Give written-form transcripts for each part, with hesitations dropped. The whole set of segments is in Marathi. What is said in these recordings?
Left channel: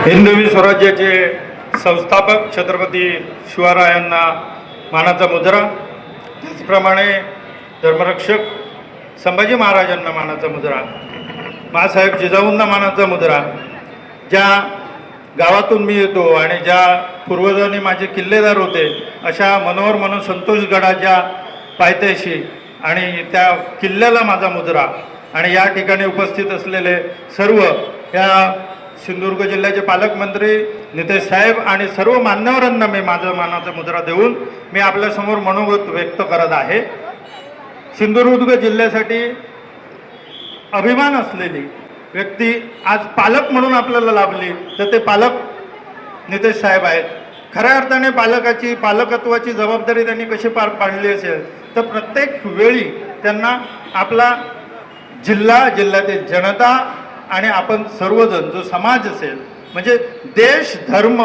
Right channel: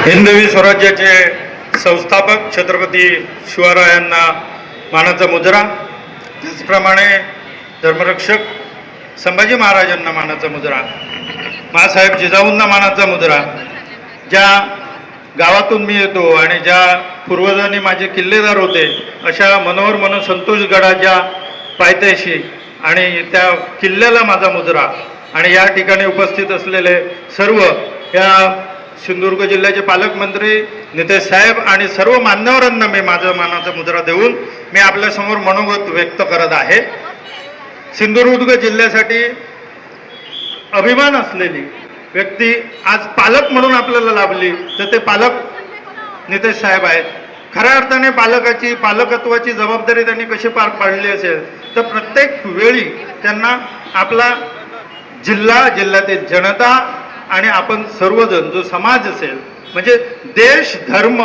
हिंदवी स्वराज्याचे संस्थापक छत्रपती शिवरायांना मानाचा मुजरा, त्याचप्रमाणे धर्मरक्षक संभाजी महाराजांना मानाचा मुजरा, मासाहेब जिजाऊंना मानाचा मुजरा. ज्या गावातून मी येतो आणि ज्या पूर्वजांनी माझे किल्लेदार होते अशा मनोहर संतोषगडाच्या पायथ्याशी आणि त्या किल्ल्याला माझा मुजरा. आणि या ठिकाणी उपस्थित असलेले सर्व या सिंधुदुर्ग जिल्ह्याचे पालकमंत्री नितेश साहेब आणि सर्व मान्यवरांना मी माझा मानाचा मुजरा देऊन मी आपल्यासमोर मनोगत व्यक्त करत आहे. सिंधुदुर्ग जिल्ह्यासाठी अभिमान असलेली व्यक्ती आज पालक म्हणून आपल्याला लाभली तर ते पालक नितेश साहेब आहेत. खऱ्या अर्थाने पालकत्वाची जबाबदारी त्यांनी कशी पार पाडली असेल तर प्रत्येक वेळी त्यांना आपला जिल्ह्यातील जनता आणि आपण सर्वजण जो समाज असेल म्हणजे देश, धर्म,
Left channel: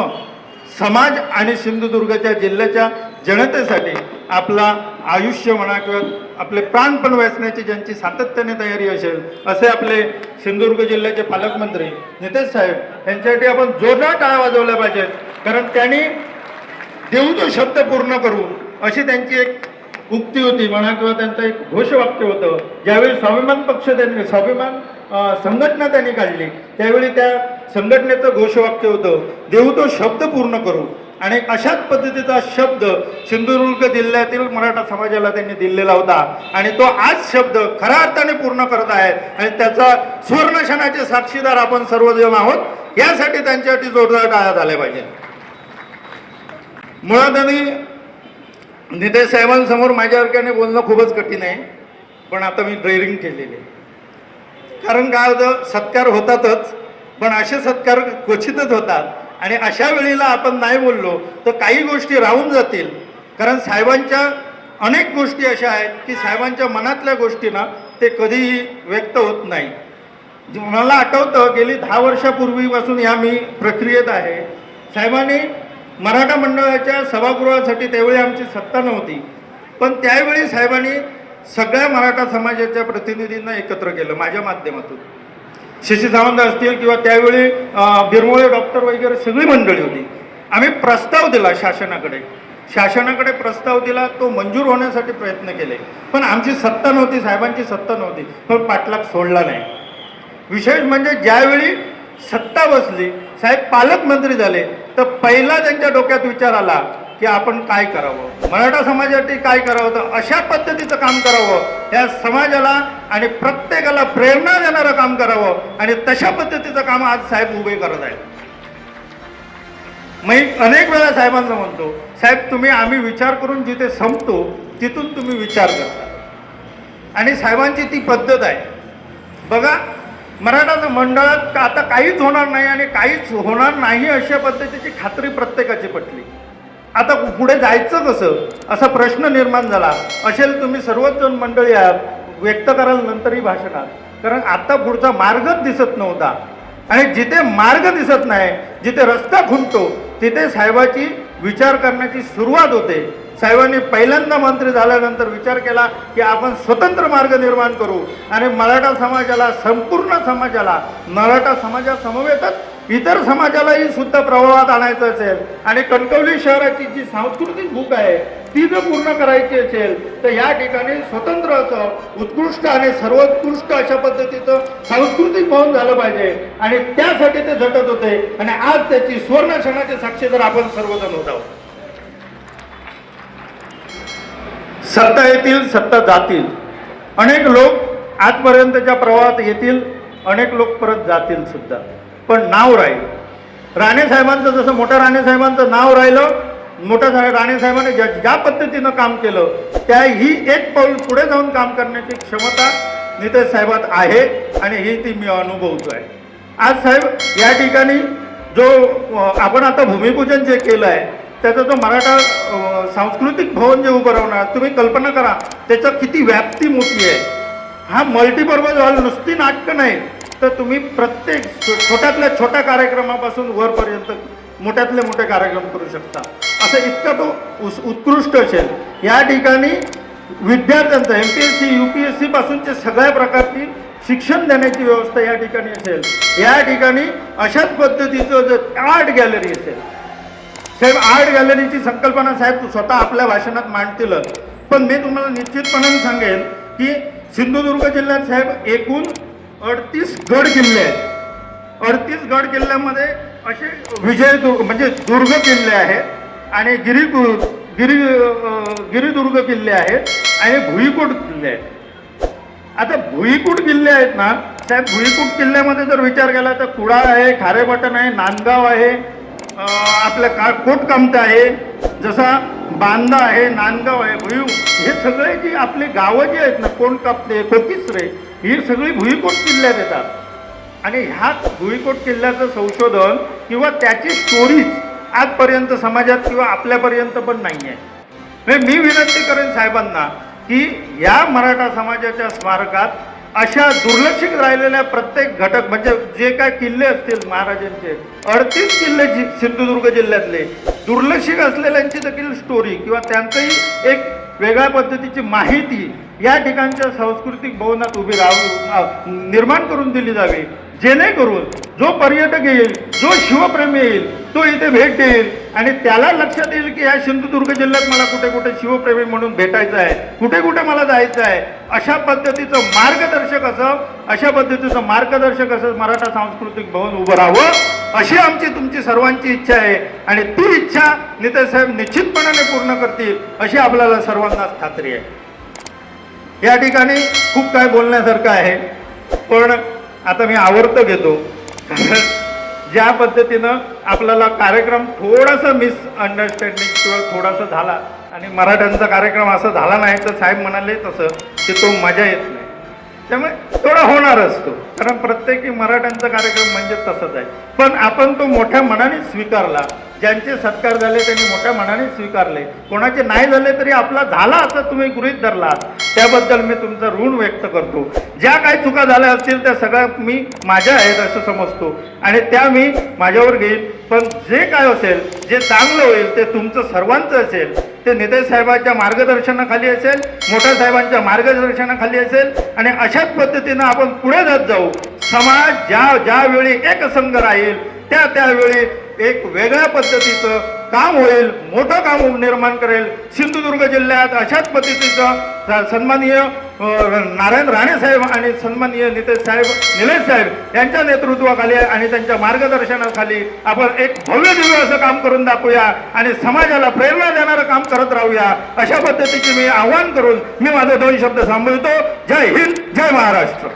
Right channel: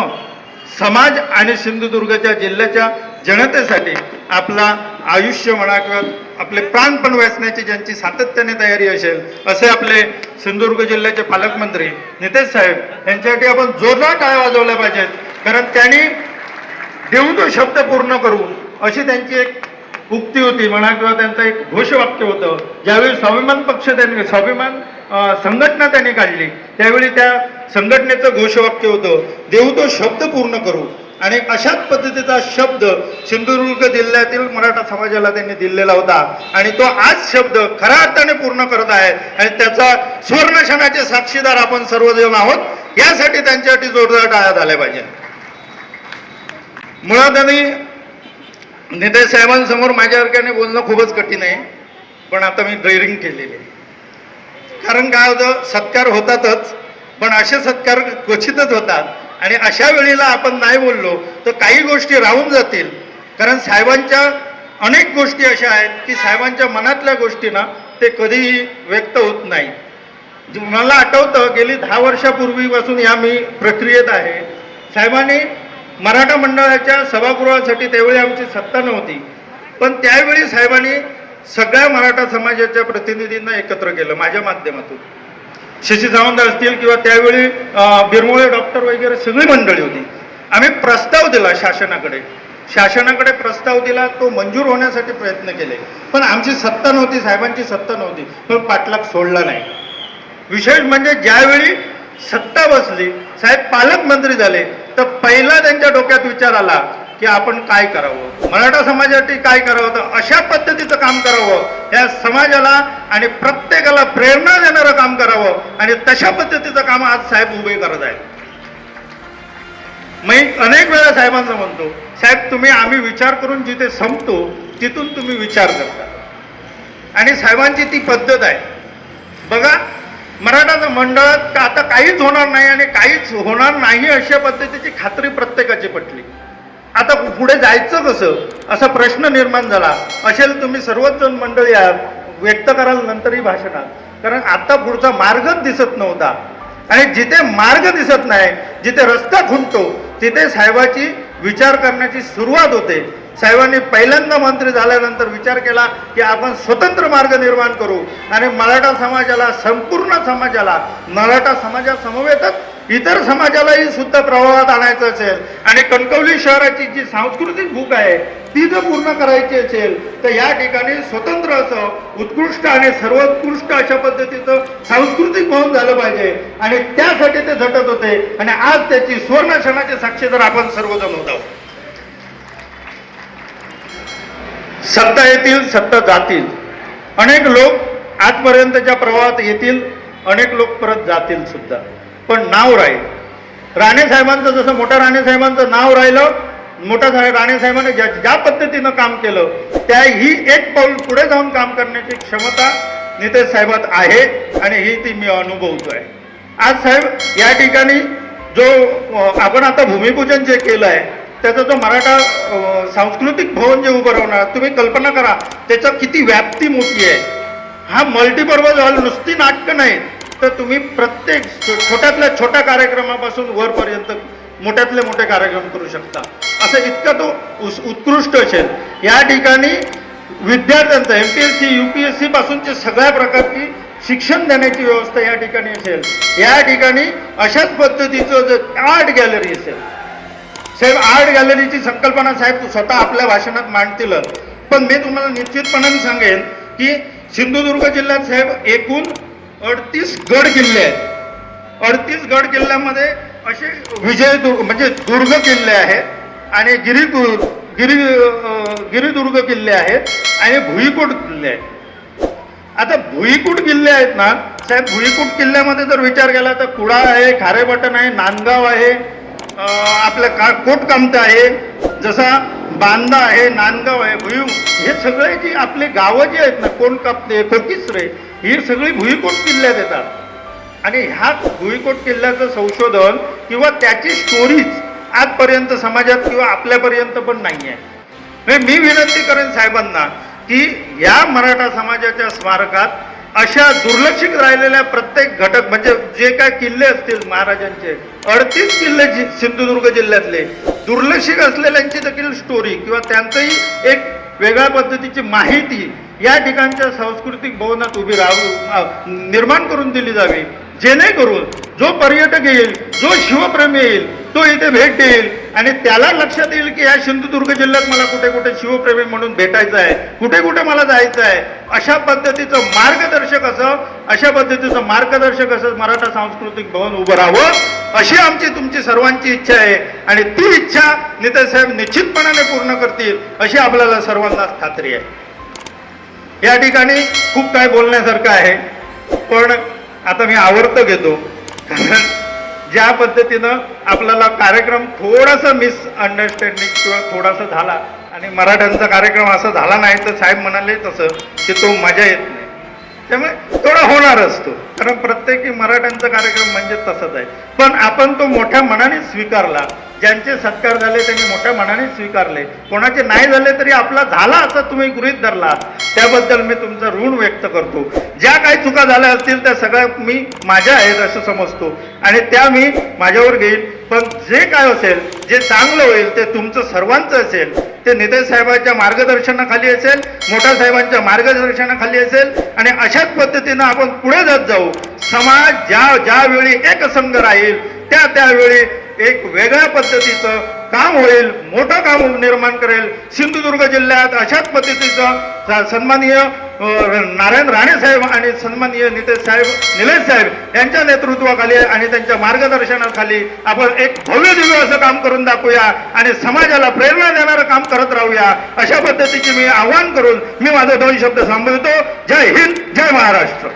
समाज आणि सिंधुदुर्गच्या जिल्ह्याच्या जनतेसाठी आपला आयुष्य म्हणा किंवा आपले प्राणपण वेचण्याची ज्यांची सातत्याने तयारी असेल असे आपले सिंधुदुर्ग जिल्ह्याचे पालकमंत्री नितेश साहेब यांच्यासाठी आपण जोरदार टाळ्या वाजवल्या पाहिजेत. कारण त्यांनी देऊ तो शब्द पूर्ण करू अशी त्यांची एक उक्ती होती म्हणा किंवा त्यांचं एक घोषवाक्य होतं. ज्यावेळी स्वाभिमान संघटना त्यांनी काढली त्यावेळी त्या संघटनेचं घोषवाक्य होतं देऊ तो शब्द पूर्ण करू. आणि अशाच पद्धतीचा शब्द सिंधुदुर्ग जिल्ह्यातील मराठा समाजाला त्यांनी दिलेला होता आणि तो आज शब्द खऱ्या अर्थाने पूर्ण करत आहे आणि त्याचा सुवर्णक्षणाचे साक्षीदार आपण सर्वजण आहोत. यासाठी त्यांच्यासाठी जोरदार टाळ्या झाल्या पाहिजे. मुळात आधी नितेश साहेबांसमोर माझ्यासारख्याने बोलणं खूपच कठीण आहे, पण आता मी ड्रेरिंग केलेली आहे. कारण काय होतं, सत्कार होतातच पण असे सत्कार क्वचितच होतात आणि अशा वेळेला आपण नाही बोललो तर काही गोष्टी राहून जातील. कारण साहेबांच्या अनेक गोष्टी अशा आहेत की साहेबांच्या मनातल्या गोष्टी ना ते कधीही व्यक्त होत नाही. मला आठवतं गेली 10 वर्षापूर्वीपासून या मी प्रक्रियेत आहे. साहेबांनी मराठा मंडळाच्या सभागृहासाठी त्यावेळी आमची सत्ता नव्हती पण त्यावेळी साहेबांनी सगळ्या मराठा समाजाच्या प्रतिनिधींना एकत्र केलं माझ्या माध्यमातून. शशी सावंत असतील किंवा त्यावेळी बिरमोळे डॉक्टर वगैरे सगळी मंडळी होती. आम्ही प्रस्ताव दिला शासनाकडे प्रस्ताव दिला, तो मंजूर होण्यासाठी प्रयत्न केले पण आमची सत्ता नव्हती, साहेबांची सत्ता नव्हती, पण पाठलाग सोडला नाही. विशेष म्हणजे ज्यावेळी सत्ता बसली, साहेब पालकमंत्री झाले तर पहिला त्यांच्या डोक्यात विचार आला की आपण काय करावं, मराठा समाजासाठी काय करावं, तर अशा पद्धतीचं काम करावं या समाजाला आणि प्रत्येकाला प्रेरणा देणारं काम करावं आणि तशा पद्धतीचं काम आज साहेब उभे करत आहेत. मी अनेक वेळा साहेबांना म्हणतो, साहेब आम्ही विचार करून जिथे संपतो तिथून तुम्ही विचार करता आणि साहेबांची ती पद्धत आहे. बघा, मराठा मंडळात आता काहीच होणार नाही आणि काहीच होणार नाही अशा पद्धतीची खात्री प्रत्येकाची पटली. आता पुढे जायचं कसं असा प्रश्न निर्माण झाला असेल. तुम्ही सर्वच मंडळी व्यक्त कराल नंतरही भाषणात, कारण आता पुढचा मार्गच दिसत नव्हता आणि जिथे मार्ग दिसत नाही, जिथे रस्ता खुंटतो तिथे साहेबाची विचार करण्याची सुरुवात होते. साहेबांनी पहिल्यांदा मंत्री झाल्यानंतर विचार केला की आपण स्वतंत्र मार्ग निर्माण करू आणि मराठा समाजाला, संपूर्ण समाजाला, मराठा समाजासमवेतच इतर समाजालाही सुद्धा प्रभावात आणायचं असेल आणि कणकवली शहराची जी सांस्कृतिक भूक आहे ती जर पूर्ण करायची असेल तर या ठिकाणी स्वतंत्र असं उत्कृष्ट आणि सर्वोत्कृष्ट अशा पद्धतीचं सांस्कृतिक भवन झालं पाहिजे आणि त्यासाठी ते झटत होते आणि आज त्याची सुवर्णक्षणाचे साक्षीदार आपण सर्वजण होत आहोत. सत्ता येतील, सत्ता जातील. अनेक लोक आजपर्यंतच्या प्रवाहात येतील, अनेक लोक परत जातील सुद्धा, पण नाव राहील. राणेसाहेबांचं जसं मोठ्या राणेसाहेबांचं नाव राहिलं, मोठ्या राणेसाहेबांनी ज्या पद्धतीनं काम केलं त्या ही एक पाऊल पुढे जाऊन काम करण्याची क्षमता नितेश साहेबात आहे आणि ही ती मी अनुभवतोय. आज साहेब या ठिकाणी जो आपण आता भूमिपूजन जे केलं आहे त्याचा जो मराठा सांस्कृतिक भवन जे उभं राहणार, तुम्ही कल्पना करा त्याचं किती व्याप्ती मोठी आहे. हा मल्टीपर्पज हॉल नुसती नाटकं नाही तर तुम्ही प्रत्येक छोट्यातल्या छोट्या कार्यक्रमापासून वरपर्यंत मोठ्यातले मोठे कार्यक्रम करू शकता. असं इतका तो उत्कृष्ट असेल. या ठिकाणी विद्यार्थ्यांचं MPSC UPSC पासूनचे सगळ्या प्रकारची शिक्षण देण्याची व्यवस्था या ठिकाणी असेल. या ठिकाणी अशाच पद्धतीचं आर्ट गॅलरी असेल. साहेब आर्ट गॅलरीची संकल्पना साहेब स्वतः आपल्या भाषणात मांडतील, पण मी तुम्हाला निश्चितपणाने सांगेन की सिंधुदुर्ग जिल्ह्यात साहेब एकूण 38 गड किल्ले आहेत. 38 गड किल्ल्यामध्ये असे विजयदुर्ग म्हणजे दुर्ग किल्ले आहेत आणि गिरिदुर्ग किल्ले आहेत आणि भुईकोट किल्ले आहेत. आता भुईकोट किल्ले आहेत ना साहेब, भुईकोट किल्ल्यामध्ये जर विचार केला तर कुडा आहे, खारेपाटण आहे, नांदगाव आहे, आपलं कोटकामता आहे, जसा बांदा आहे, नांदगाव आहे, भुई, हे सगळे जी आपली गावं जी आहेत ना, कोणकापते, कोकिसरे, ही सगळी भुईकोट किल्ल्यात येतात. आणि ह्या भुईकोट किल्ल्याचं संशोधन किंवा त्याची स्टोरीज आजपर्यंत समाजात किंवा आपल्यापर्यंत पण नाही आहे. मी विनंती करेन साहेबांना की या मराठा समाजाच्या स्मारकात अशा दुर्लक्षित राहिलेल्या प्रत्येक घटक म्हणजे जे काय किल्ले असतील महाराजांचे 38 किल्ले सिंधुदुर्ग जिल्ह्यातले दुर्लक्षित असलेल्यांची देखील स्टोरी किंवा त्यांचंही एक वेगळ्या पद्धतीची माहिती या ठिकाणच्या सांस्कृतिक भवनात उभी निर्माण करून दिली जावी, जेणेकरून जो पर्यटक येईल, जो शिवप्रेमी येईल, तो इथे भेट देईल आणि त्याला लक्षात येईल की या सिंधुदुर्ग जिल्ह्यात मला कुठे कुठे शिवप्रेमी म्हणून भेटायचं आहे, कुठे कुठे मला जायचं आहे. अशा पद्धतीचं मार्गदर्शक असं मराठा सांस्कृतिक भवन उभं राहावं अशी आमची तुमची सर्वांची इच्छा आहे आणि ती इच्छा नेतेसाहेब निश्चितपणाने पूर्ण करतील अशी आपल्याला सर्वांनाच खात्री आहे. या ठिकाणी खूप काय बोलण्यासारखं आहे, पण आता मी आवर्त घेतो कारण ज्या पद्धतीनं आपल्याला कार्यक्रम थोडासा मिसअंडरस्टँडिंग किंवा थोडासा झाला आणि मराठ्यांचा कार्यक्रम असा झाला नाही तर साहेब म्हणाले तसं की तो मजा येत नाही, त्यामुळे थोडा होणार असतो कारण प्रत्येकी मराठ्यांचा कार्यक्रम म्हणजे तसंच आहे. पण आपण तो मोठ्या मनाने स्वीकारला, ज्यांचे सत्कार झाले त्यांनी मोठ्या मनाने स्वीकारले, कोणाचे नाही झाले तरी आपला झाला असं तुम्ही गृहीत धरला, त्याबद्दल मी तुमचं ऋण व्यक्त करतो. ज्या काही चुका झाल्या असतील त्या सगळ्या मी माझ्या आहेत असं समजतो आणि त्या मी माझ्यावर घेईल. पण जे काय असेल, जे चांगलं होईल ते तुमचं सर्वांचं असेल, ते नेते साहेबांच्या मार्गदर्शनाखाली असेल, मोठ्या साहेबांच्या मार्गदर्शनाखाली असेल आणि अशाच पद्धतीनं आपण पुढे जात जाऊ. समाज ज्यावेळी एकसंघ राहील त्यावेळी एक वेगळ्या पद्धतीचं काम होईल, मोठं काम निर्माण करेल. सिंधुदुर्ग जिल्ह्यात अशाच पद्धतीचं सन्माननीय नारायण राणे साहेब आणि सन्माननीय निलेश साहेब यांच्या नेतृत्वाखाली आणि त्यांच्या मार्गदर्शनाखाली आपण एक भव्य दिव्य असं काम करून दाखवूया आणि समाजाला प्रेरणा देणारं काम करत राहूया अशा पद्धतीचे मी आवाहन करून मी माझे 2 शब्द संबोधतो. जय हिंद, जय महाराष्ट्र.